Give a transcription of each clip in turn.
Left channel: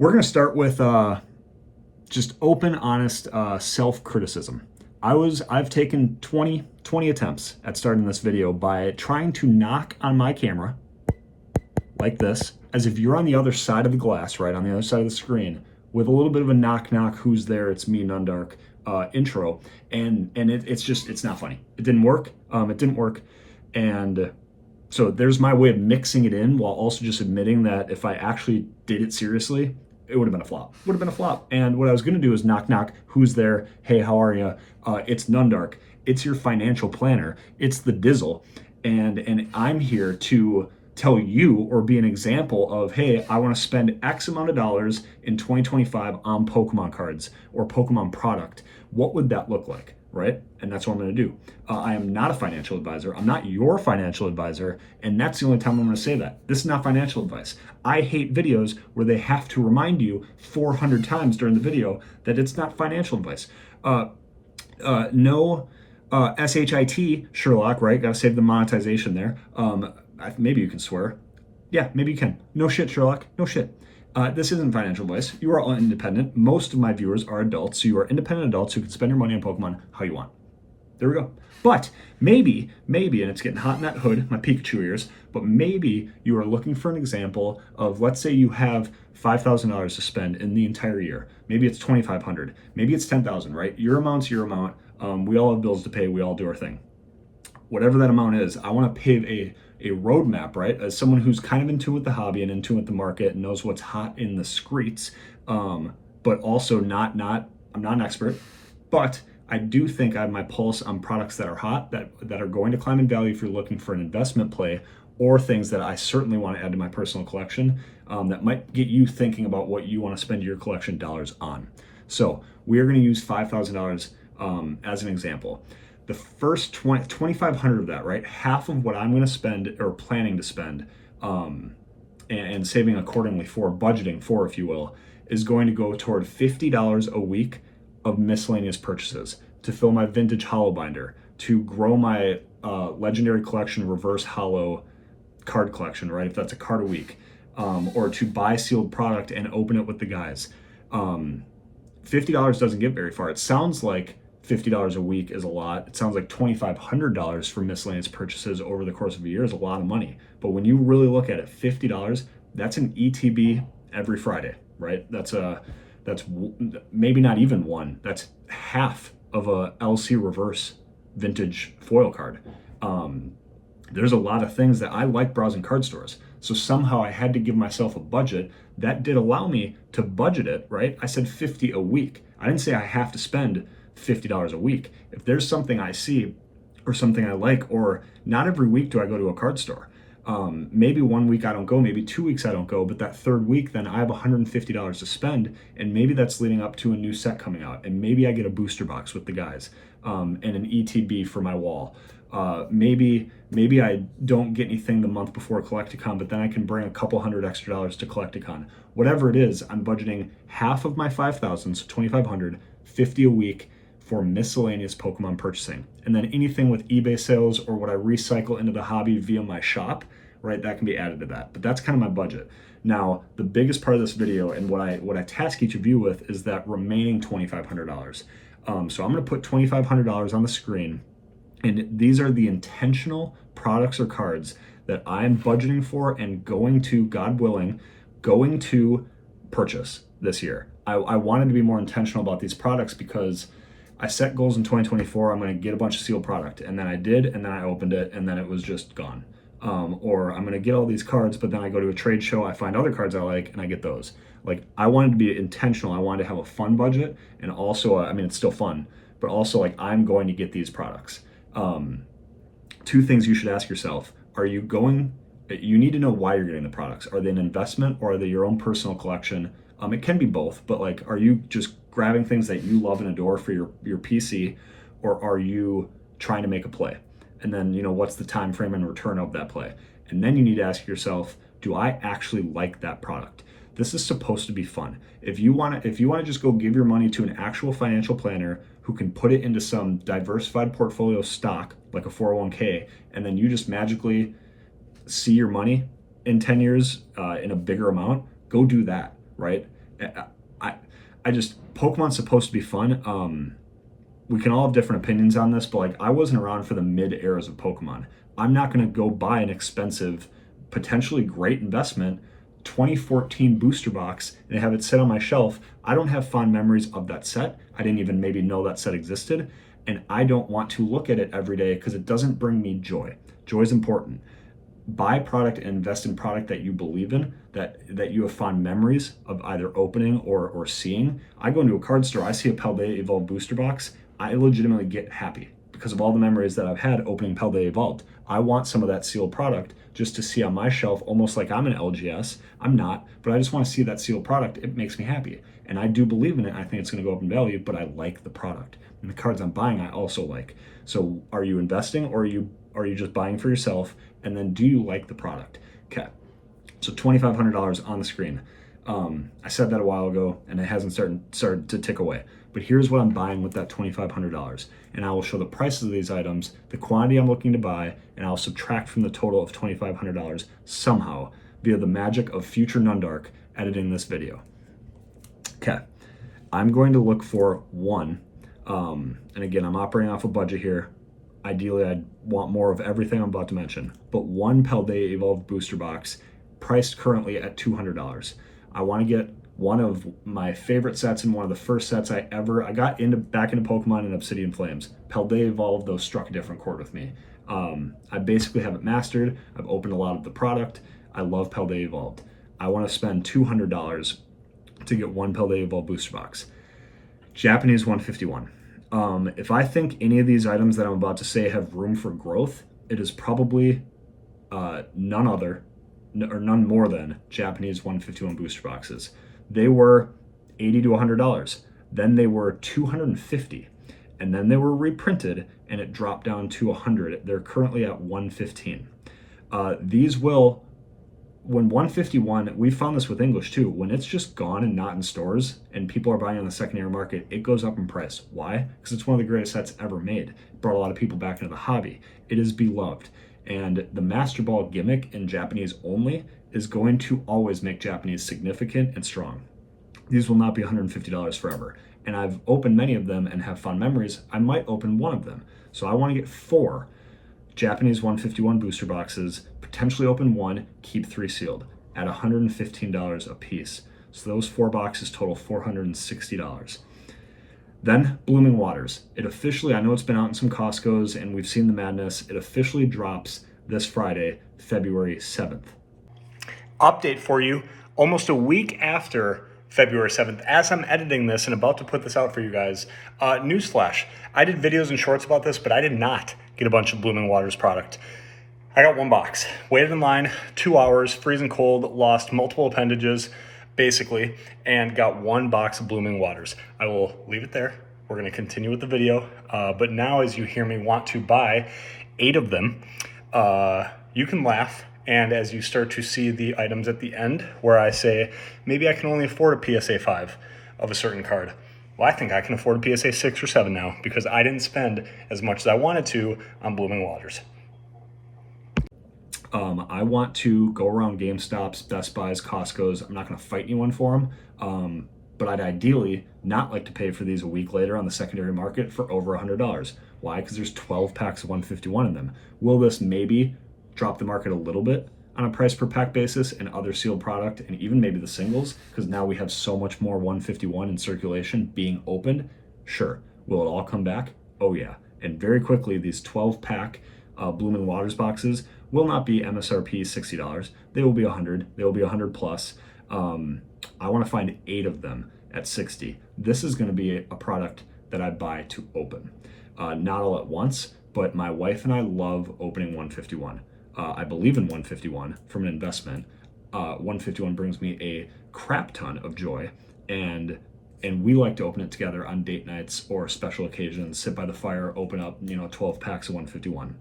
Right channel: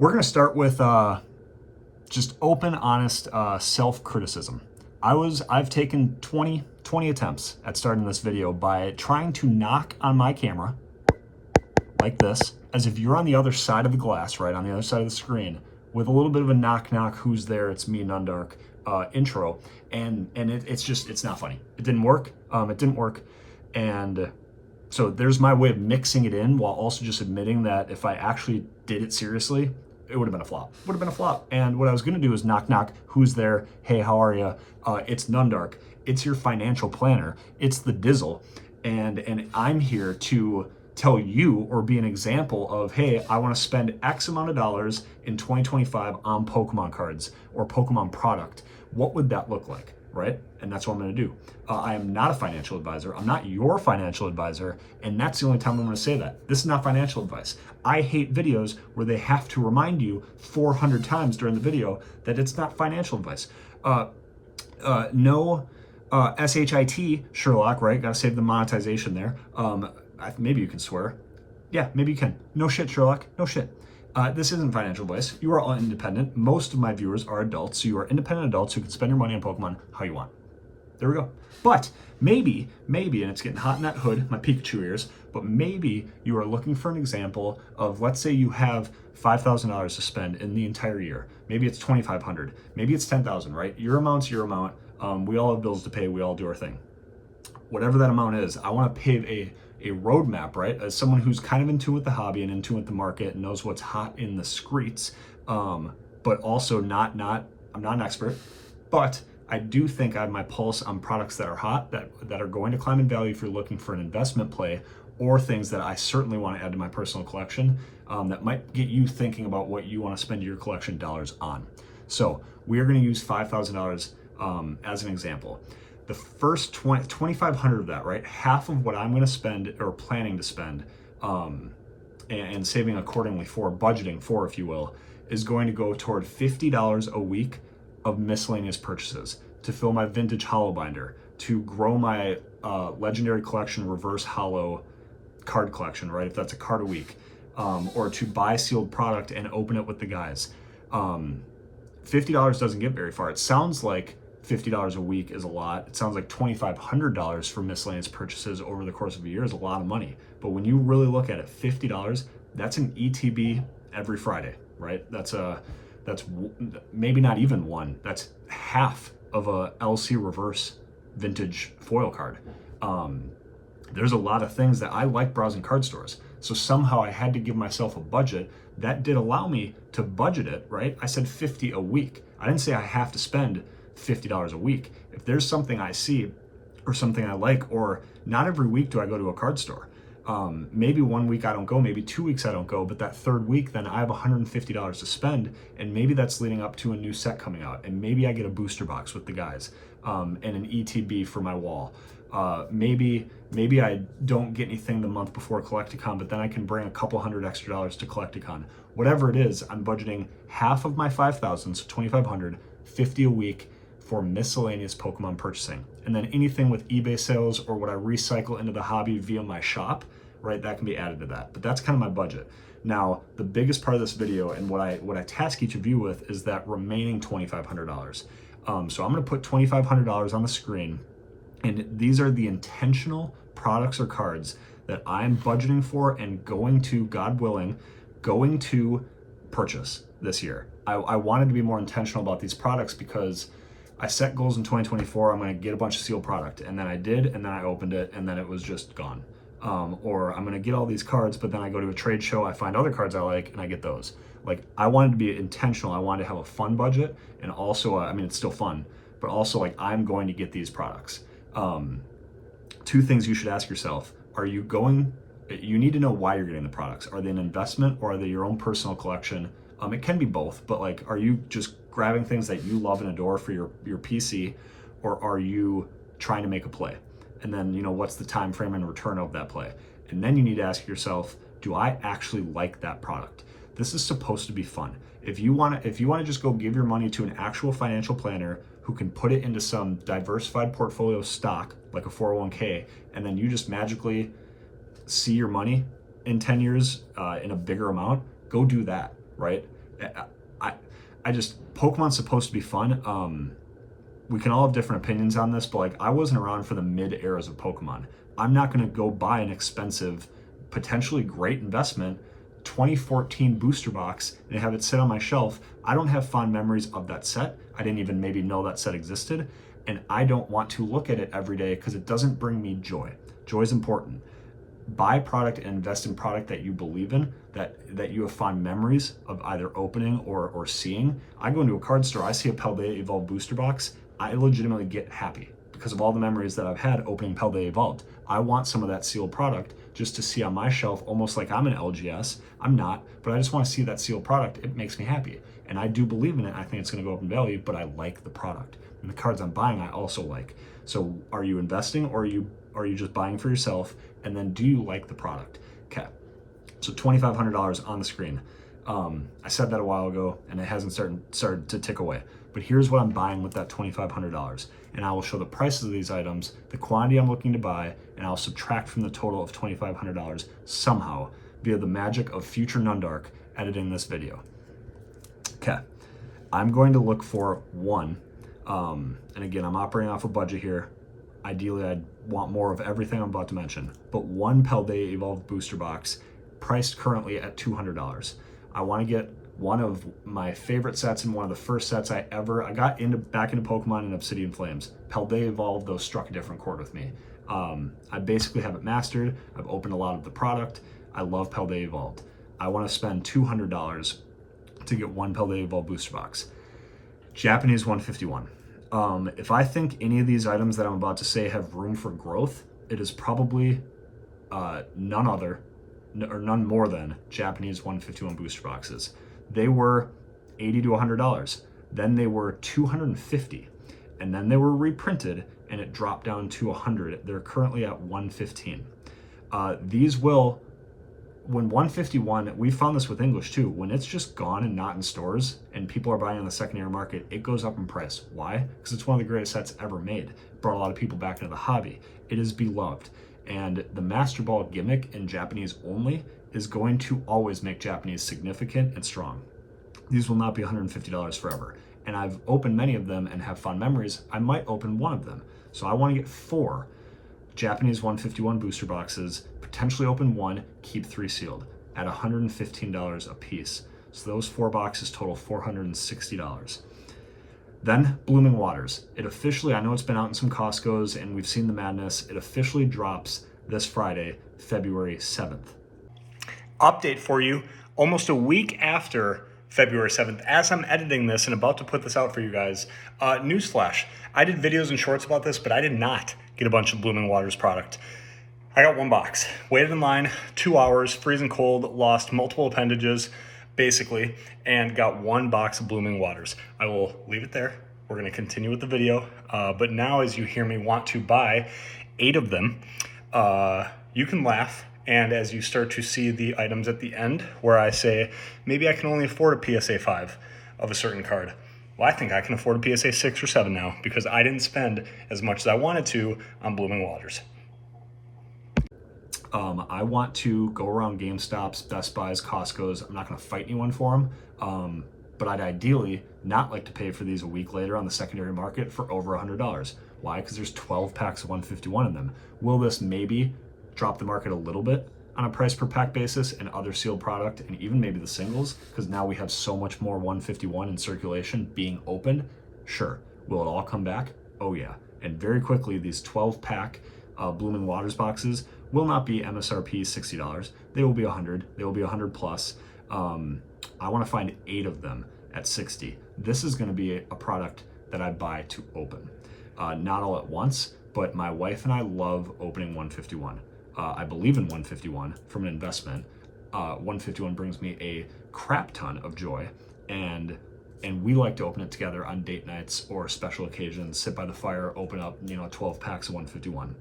We're going to start with just open, honest self-criticism. I've taken 20 attempts at starting this video by trying to knock on my camera like this, as if you're on the other side of the glass, right, on the other side of the screen, with a little bit of a knock knock, who's there, it's me, Nundark, intro, and it's not funny. It didn't work. And so there's my way of mixing it in while also just admitting that if I actually did it seriously, it would have been a flop. And what I was going to do is knock knock, who's there, hey, how are you? It's Nundark. It's your financial planner. It's the Dizzle, and I'm here to tell you or be an example of, hey, I want to spend X amount of dollars in 2025 on Pokemon cards or Pokemon product. What would that look like, right? And that's what I'm going to do. I am not a financial advisor. I'm not your financial advisor, and that's the only time I'm going to say that. This is not financial advice. I hate videos where they have to remind you 400 times during the video that it's not financial advice. No SHIT, Sherlock, right? Got to save the monetization there. Maybe you can swear. Yeah, maybe you can. No shit, Sherlock. No shit. This isn't financial advice. You are all independent. Most of my viewers are adults, so you are independent adults who can spend your money on Pokemon how you want. There we go. But maybe, and it's getting hot in that hood, my Pikachu ears, but maybe you are looking for an example of, let's say you have $5,000 to spend in the entire year. Maybe it's $2,500. Maybe it's $10,000, right? Your amount's your amount. We all have bills to pay. We all do our thing. Whatever that amount is, I want to pave a roadmap, right? As someone who's kind of in tune with the hobby and in tune with the market and knows what's hot in the streets, but also I'm not an expert, but I do think I have my pulse on products that are hot, that are going to climb in value if you're looking for an investment play, or things that I certainly want to add to my personal collection, that might get you thinking about what you want to spend your collection dollars on. So we are going to use $5,000 as an example. The first 2,500 of that, right? Half of what I'm going to spend or planning to spend, and saving accordingly for, budgeting for, if you will, is going to go toward $50 a week of miscellaneous purchases to fill my vintage hollow binder, to grow my legendary collection, reverse hollow card collection, right? If that's a card a week, or to buy sealed product and open it with the guys. $50 doesn't get very far. It sounds like $50 a week is a lot. It sounds like $2,500 for miscellaneous purchases over the course of a year is a lot of money. But when you really look at it, $50, that's an ETB every Friday, right? That's maybe not even one. That's half of a LC reverse vintage foil card. There's a lot of things that I like browsing card stores. So somehow I had to give myself a budget that did allow me to budget it, right? I said 50 a week. I didn't say I have to spend $50 a week. If there's something I see or something I like, or not every week do I go to a card store. Maybe 1 week I don't go, maybe 2 weeks I don't go, but that third week then I have $150 to spend, and maybe that's leading up to a new set coming out, and maybe I get a booster box with the guys, and an ETB for my wall. Maybe I don't get anything the month before Collecticon, but then I can bring a couple $100 extra to Collecticon. Whatever it is, I'm budgeting half of my 5,000, so 2,500, 50 a week for miscellaneous Pokemon purchasing. And then anything with eBay sales or what I recycle into the hobby via my shop, right, that can be added to that. But that's kind of my budget. Now, the biggest part of this video and what I task each of you with is that remaining $2,500. So I'm going to put $2,500 on the screen, and these are the intentional products or cards that I'm budgeting for and going to, God willing, going to purchase this year. I wanted to be more intentional about these products because I set goals in 2024, I'm going to get a bunch of sealed product, and then I did, and then I opened it, and then it was just gone. Or I'm going to get all these cards, but then I go to a trade show, I find other cards I like, and I get those. Like, I wanted to be intentional. I wanted to have a fun budget, and also, I mean, it's still fun, but also, like, I'm going to get these products. Two things you should ask yourself. You need to know why you're getting the products. Are they an investment, or are they your own personal collection? It can be both, but like, are you just grabbing things that you love and adore for your PC, or are you trying to make a play? And then, what's the time frame and return of that play? And then you need to ask yourself, do I actually like that product? This is supposed to be fun. If you want to just go give your money to an actual financial planner who can put it into some diversified portfolio stock, like a 401k, and then you just magically see your money in 10 years in a bigger amount, go do that, right? I, I just, Pokemon's supposed to be fun. We can all have different opinions on this, but like I wasn't around for the mid eras of Pokemon. I'm not going to go buy an expensive, potentially great investment 2014 booster box and have it sit on my shelf. I don't have fond memories of that set. I didn't even maybe know that set existed. And I don't want to look at it every day because it doesn't bring me joy. Joy is important. Buy product and invest in product that you believe in, that you have fond memories of either opening or seeing. I go into a card store, I see a Paldea Evolved booster box, I legitimately get happy because of all the memories that I've had opening Paldea Evolved. I want some of that sealed product just to see on my shelf, almost like I'm an LGS. I'm not, but I just want to see that sealed product. It makes me happy. And I do believe in it. I think it's going to go up in value, but I like the product. And the cards I'm buying, I also like. So are you investing or are you just buying for yourself? And then do you like the product? Okay. So $2,500 on the screen. I said that a while ago and it hasn't started to tick away. But here's what I'm buying with that $2,500. And I will show the prices of these items, the quantity I'm looking to buy, and I'll subtract from the total of $2,500 somehow via the magic of future Nundark editing this video. Okay, I'm going to look for one, and again, I'm operating off a budget here. Ideally, I'd want more of everything I'm about to mention, but one Paldea Evolved booster box priced currently at $200. I want to get one of my favorite sets and one of the first sets I got back into Pokemon and Obsidian Flames. Paldea Evolved, though, struck a different chord with me. I basically have it mastered. I've opened a lot of the product. I love Paldea Evolved. I want to spend $200 to get one Paldea Evolved booster box. Japanese 151. If I think any of these items that I'm about to say have room for growth, it is probably none more than Japanese 151 booster boxes. They were $80 to $100. Then they were $250, and then they were reprinted, and it dropped down to $100. They're currently at $115. These will, when 151, we found this with English too, when it's just gone and not in stores, and people are buying on the secondary market, it goes up in price. Why? Because it's one of the greatest sets ever made. It brought a lot of people back into the hobby. It is beloved. And the Master Ball gimmick in Japanese only is going to always make Japanese significant and strong. These will not be $150 forever. And I've opened many of them and have fond memories. I might open one of them. So I want to get 4 Japanese 151 booster boxes, potentially open 1, keep 3 sealed at $115 a piece. So those 4 boxes total $460. Then Blooming Waters. It officially, I know it's been out in some Costco's and we've seen the madness. It officially drops this Friday, February 7th. Update for you, almost a week after February 7th, as I'm editing this and about to put this out for you guys, newsflash, I did videos and shorts about this, but I did not get a bunch of Blooming Waters product. I got 1 box, waited in line 2 hours, freezing cold, lost multiple appendages, basically, and got 1 box of Blooming Waters. I will leave it there. We're gonna continue with the video, but now as you hear me want to buy 8 of them, you can laugh. And as you start to see the items at the end where I say, maybe I can only afford a PSA 5 of a certain card. Well, I think I can afford a PSA 6 or 7 now because I didn't spend as much as I wanted to on Blooming Waters. I want to go around GameStops, Best Buys, Costco's. I'm not going to fight anyone for them, but I'd ideally not like to pay for these a week later on the secondary market for over $100. Why? Because there's 12 packs of 151 in them. Will this maybe drop the market a little bit on a price per pack basis and other sealed product and even maybe the singles? Because now we have so much more 151 in circulation being opened. Sure. Will it all come back? Oh yeah. And very quickly, these 12 pack Blooming Waters boxes will not be MSRP $60. They will be $100. They will be $100 plus. I want to find 8 of them at $60. This is going to be a product that I buy to open. Not all at once, but my wife and I love opening 151. I believe in 151 from an investment. 151 brings me a crap ton of joy, and we like to open it together on date nights or special occasions, sit by the fire, open up 12 packs of 151.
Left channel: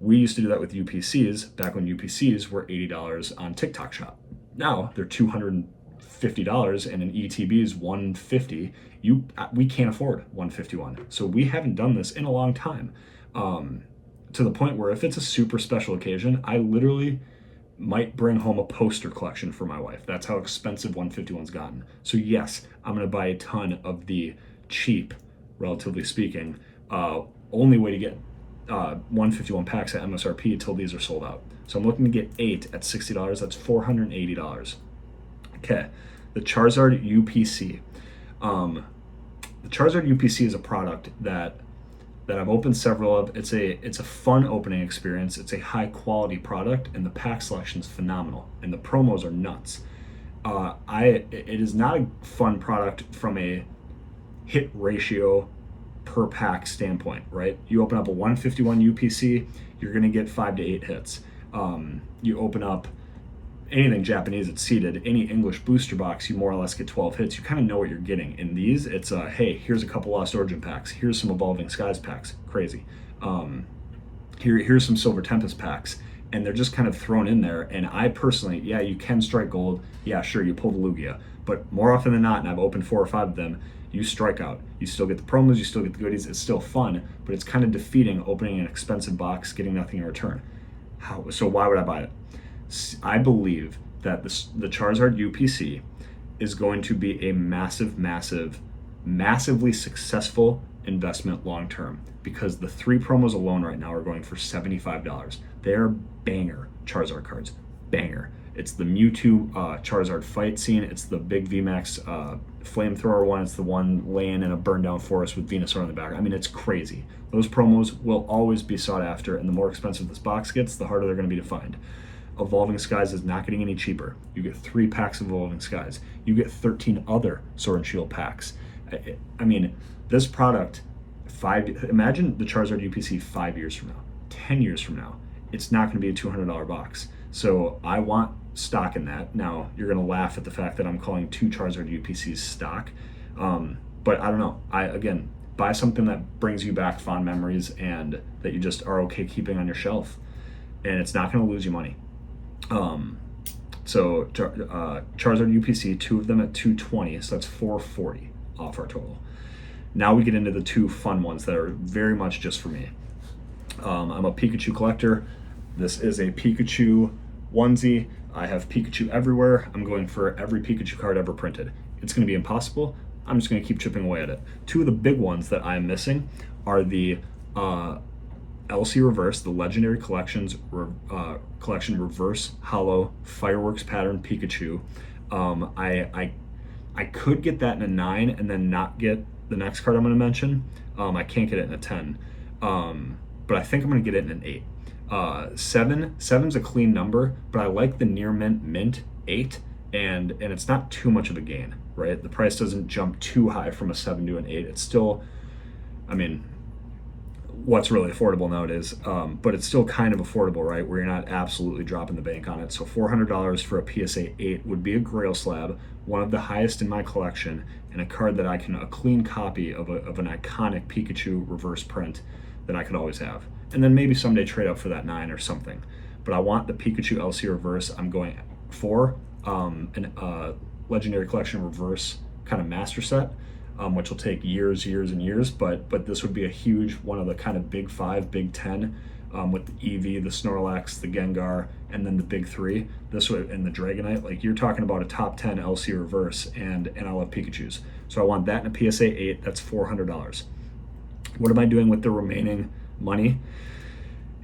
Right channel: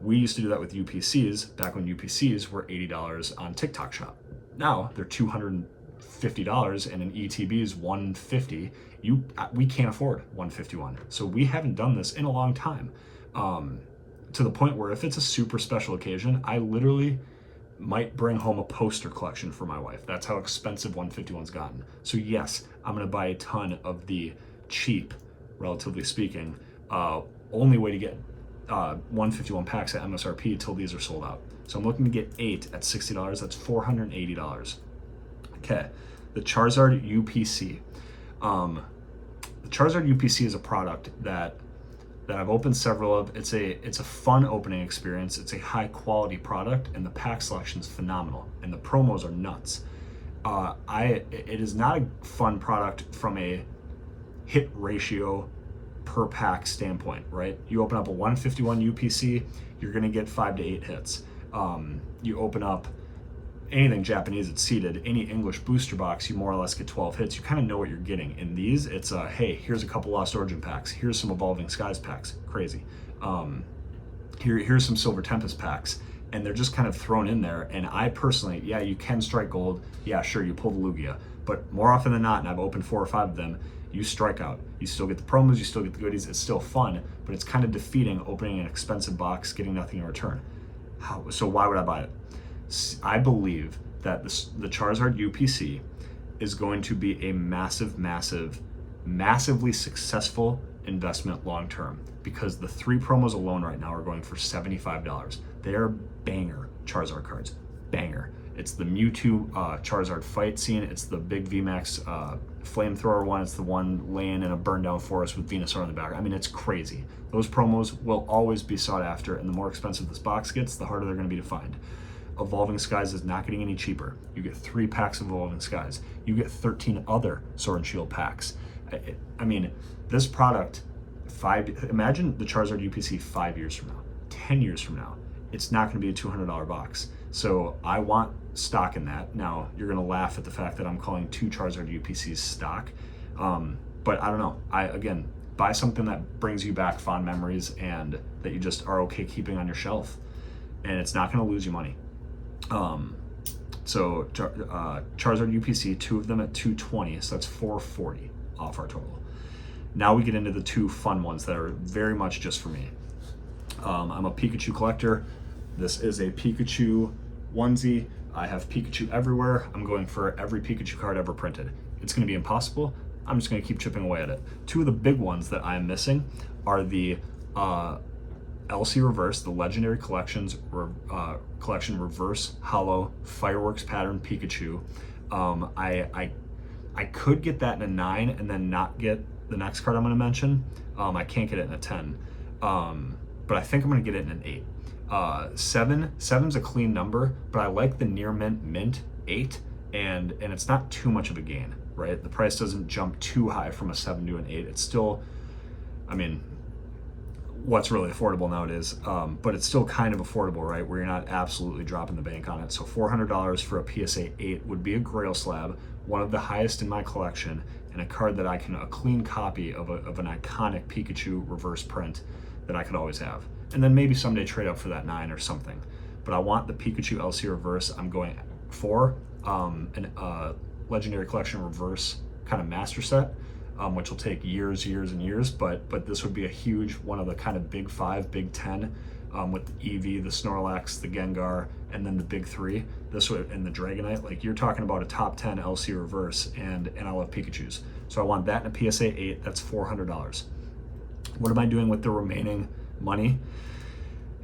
We used to do that with UPCs back when UPCs were $80 on TikTok Shop. Now they're $250 and an ETB is $150. We can't afford 151. So we haven't done this in a long time. To the point where if it's a super special occasion, I literally might bring home a poster collection for my wife. That's how expensive 151's gotten. So yes, I'm gonna buy a ton of the cheap, relatively speaking, only way to get 151 packs at MSRP till these are sold out. So I'm looking to get 8 at $60. That's $480. Okay, the Charizard UPC. The Charizard UPC is a product that I've opened several of. It's a fun opening experience. It's a high quality product, and the pack selection is phenomenal, and the promos are nuts. It is not a fun product from a hit ratio per pack standpoint, right? You open up a 151 UPC, you're going to get 5 to 8 hits. You open up anything Japanese that's seeded, any English booster box, you more or less get 12 hits. You kind of know what you're getting. In these, it's hey, here's a couple Lost Origin packs. Here's some Evolving Skies packs. Crazy. Here's some Silver Tempest packs. And they're just kind of thrown in there. And I personally, yeah, you can strike gold. Yeah, sure, you pull the Lugia. But more often than not, and I've opened 4 or 5 of them, you strike out. You still get the promos, you still get the goodies. It's still fun, but it's kind of defeating opening an expensive box, getting nothing in return. So why would I buy it? I believe that the Charizard UPC is going to be a massively successful investment long term, because the 3 promos alone right now are going for $75. They are banger Charizard cards. Banger. It's the Mewtwo Charizard fight scene. It's the big VMAX flamethrower one. It's the one laying in a burned down forest with Venusaur in the back. I mean, it's crazy. Those promos will always be sought after, and the more expensive this box gets, the harder they're going to be to find. Evolving Skies is not getting any cheaper. You get 3 packs of Evolving Skies. You get 13 other Sword and Shield packs. I mean, this product, imagine the Charizard UPC 5 years from now, 10 years from now. It's not going to be a $200 box. So I want stock in that. Now, you're going to laugh at the fact that I'm calling 2 Charizard UPCs stock. But I don't know. Again, buy something that brings you back fond memories and that you just are okay keeping on your shelf. And it's not going to lose you money. Charizard UPC, 2 of them at $220, so that's $440 off our total. Now we get into the 2 fun ones that are very much just for me. I'm a Pikachu collector. This is a Pikachu onesie. I have Pikachu everywhere. I'm going for every Pikachu card ever printed. It's going to be impossible. I'm just going to keep chipping away at it. 2 of the big ones that I'm missing are the LC Reverse, the Legendary Collection Reverse Hollow Fireworks Pattern Pikachu. I could get that in a 9 and then not get the next card I'm going to mention. I can't get it in a 10, but I think I'm going to get it in an 8. 7's a clean number, but I like the near mint 8, and it's not too much of a gain, right? The price doesn't jump too high from a 7 to an 8. It's still, I mean, what's really affordable nowadays, but it's still kind of affordable, right? Where you're not absolutely dropping the bank on it. So $400 for a PSA 8 would be a grail slab, one of the highest in my collection, and a card that a clean copy of an iconic Pikachu reverse print that I could always have. And then maybe someday trade up for that 9 or something. But I want the Pikachu LC Reverse. I'm going for an Legendary Collection Reverse kind of master set, which will take years and years, but this would be a huge one of the kind of big 5, big 10, with the Eevee, the Snorlax, the Gengar, and then the big 3. This would, and the Dragonite. Like, you're talking about a top 10 LC Reverse, and I love Pikachus. So I want that in a PSA 8. That's $400. What am I doing with the remaining money?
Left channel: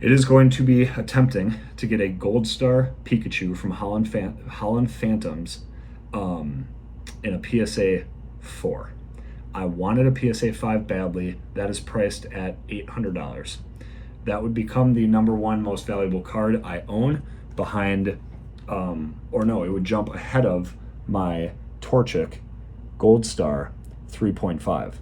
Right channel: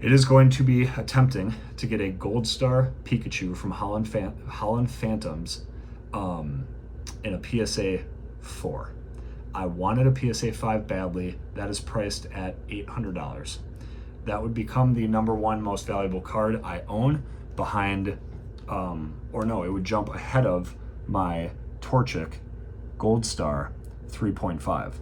It is going to be attempting to get a Gold Star Pikachu from Holland Phantoms in a PSA 4. I wanted a PSA 5 badly. That is priced at $800. That would become the #1 most valuable card I own, behind, it would jump ahead of my Torchic Gold Star 3.5.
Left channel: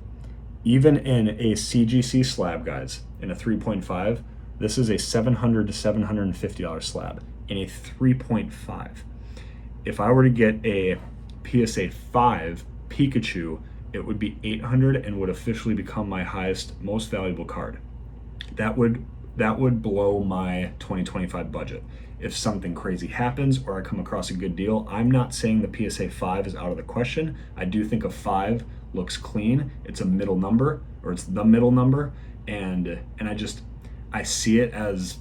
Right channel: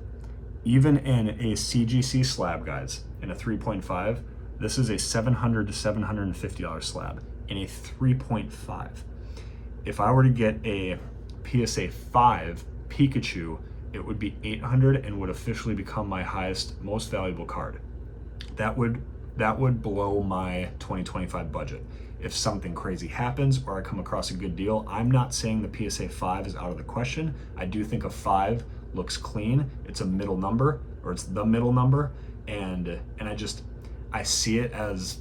Even in a CGC slab, guys, in a 3.5, this is a $700 to $750 slab in a 3.5. If I were to get a PSA 5 Pikachu, it would be $800 and would officially become my highest, most valuable card. That would blow my 2025 budget. If something crazy happens or I come across a good deal, I'm not saying the PSA 5 is out of the question. I do think a 5 looks clean. It's a middle number, or it's the middle number, and I see it as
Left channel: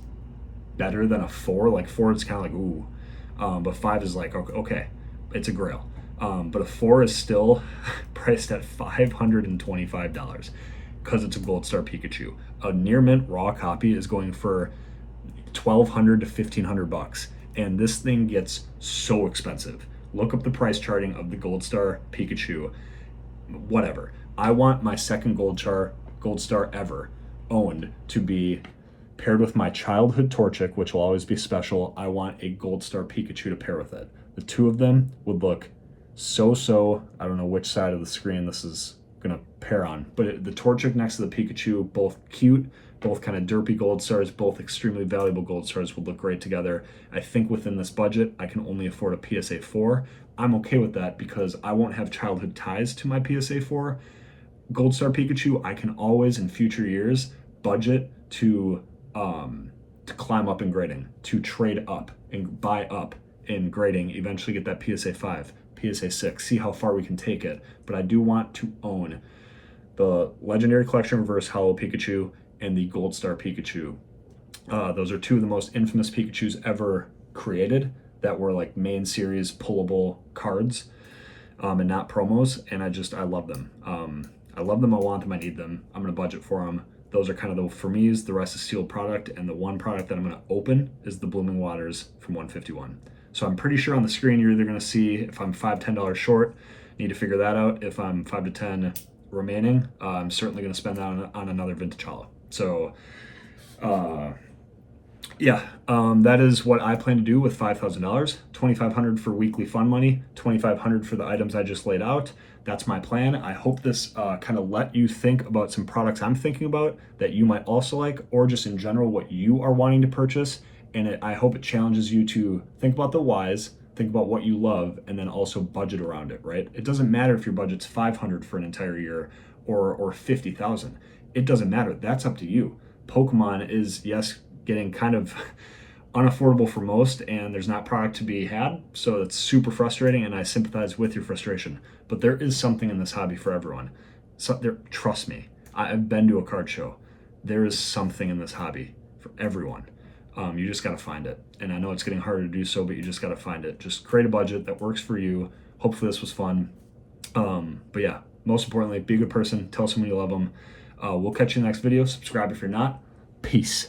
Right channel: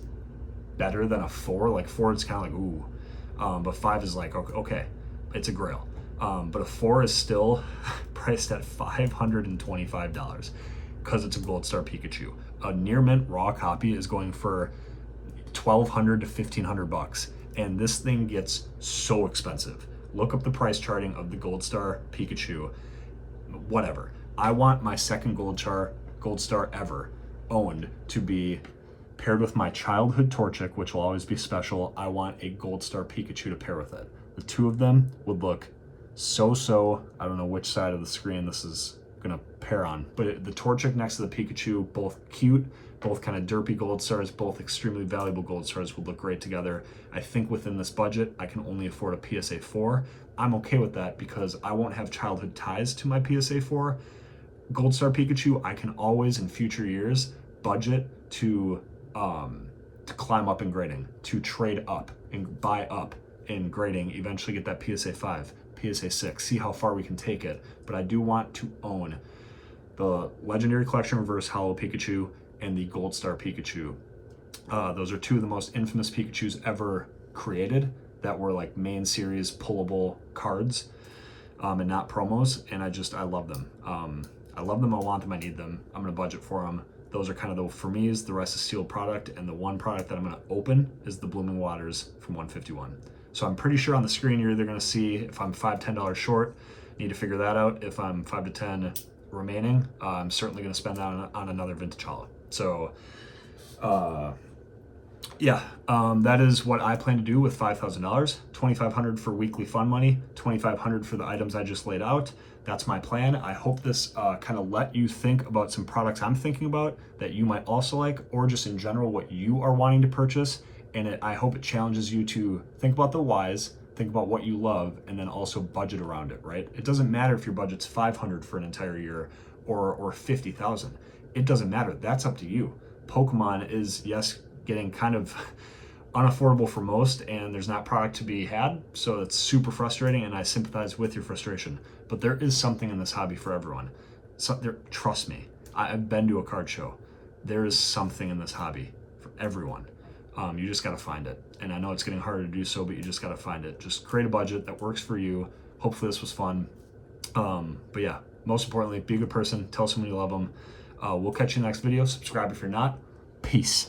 better than a 4. Like 4, it's kind of like, ooh. but 5 is like, okay, it's a grail. But a 4 is still priced at $525 because it's a Gold Star Pikachu. A near mint raw copy is going for 1,200 to 1,500 bucks, and this thing gets so expensive. Look up the price charting of the Gold Star Pikachu. Whatever. I want my second Gold Star ever owned to be paired with my childhood Torchic, which will always be special. I want a Gold Star Pikachu to pair with it. The two of them would look so. I don't know which side of the screen this is gonna pair on, but the Torchic next to the Pikachu, both cute, both kind of derpy Gold Stars, both extremely valuable Gold Stars, would look great together. I think within this budget, I can only afford a PSA 4. I'm okay with that because I won't have childhood ties to my PSA 4. Gold Star Pikachu, I can always in future years budget to climb up in grading, to trade up and buy up in grading, eventually get that PSA 5, PSA 6, see how far we can take it. But I do want to own the Legendary Collection Reverse Hollow Pikachu and the Gold Star Pikachu. Those are two of the most infamous Pikachus ever created that were like main series pullable cards and not promos, and I love them. I love them, I want them, I need them. I'm gonna budget for them. Those are kind of the for me's, the rest is sealed product, and the one product that I'm gonna open is the Blooming Waters from 151. So I'm pretty sure on the screen you're either gonna see if I'm $5, $10 short, need to figure that out. If I'm 5 to 10 remaining, I'm certainly gonna spend that on another vintage hollow. So that is what I plan to do with $5,000. $2,500 for weekly fun money, $2,500 for the items I just laid out. That's my plan. I hope this kind of let you think about some products I'm thinking about that you might also like, or just in general what you are wanting to purchase. And I hope it challenges you to think about the whys, think about what you love, and then also budget around it, right? It doesn't matter if your budget's $500 for an entire year or $50,000. It doesn't matter. That's up to you. Pokemon is, yes, getting kind of unaffordable for most, and there's not product to be had, so it's super frustrating, and I sympathize with your frustration. But there is something in this hobby for everyone. So trust me, I've been to a card show. There is something in this hobby for everyone. You just gotta find it, and I know it's getting harder to do so, but you just gotta find it. Just create a budget that works for you. Hopefully this was fun. But yeah, most importantly, be a good person, tell someone you love them. We'll catch you in the next video. Subscribe if you're not. Peace.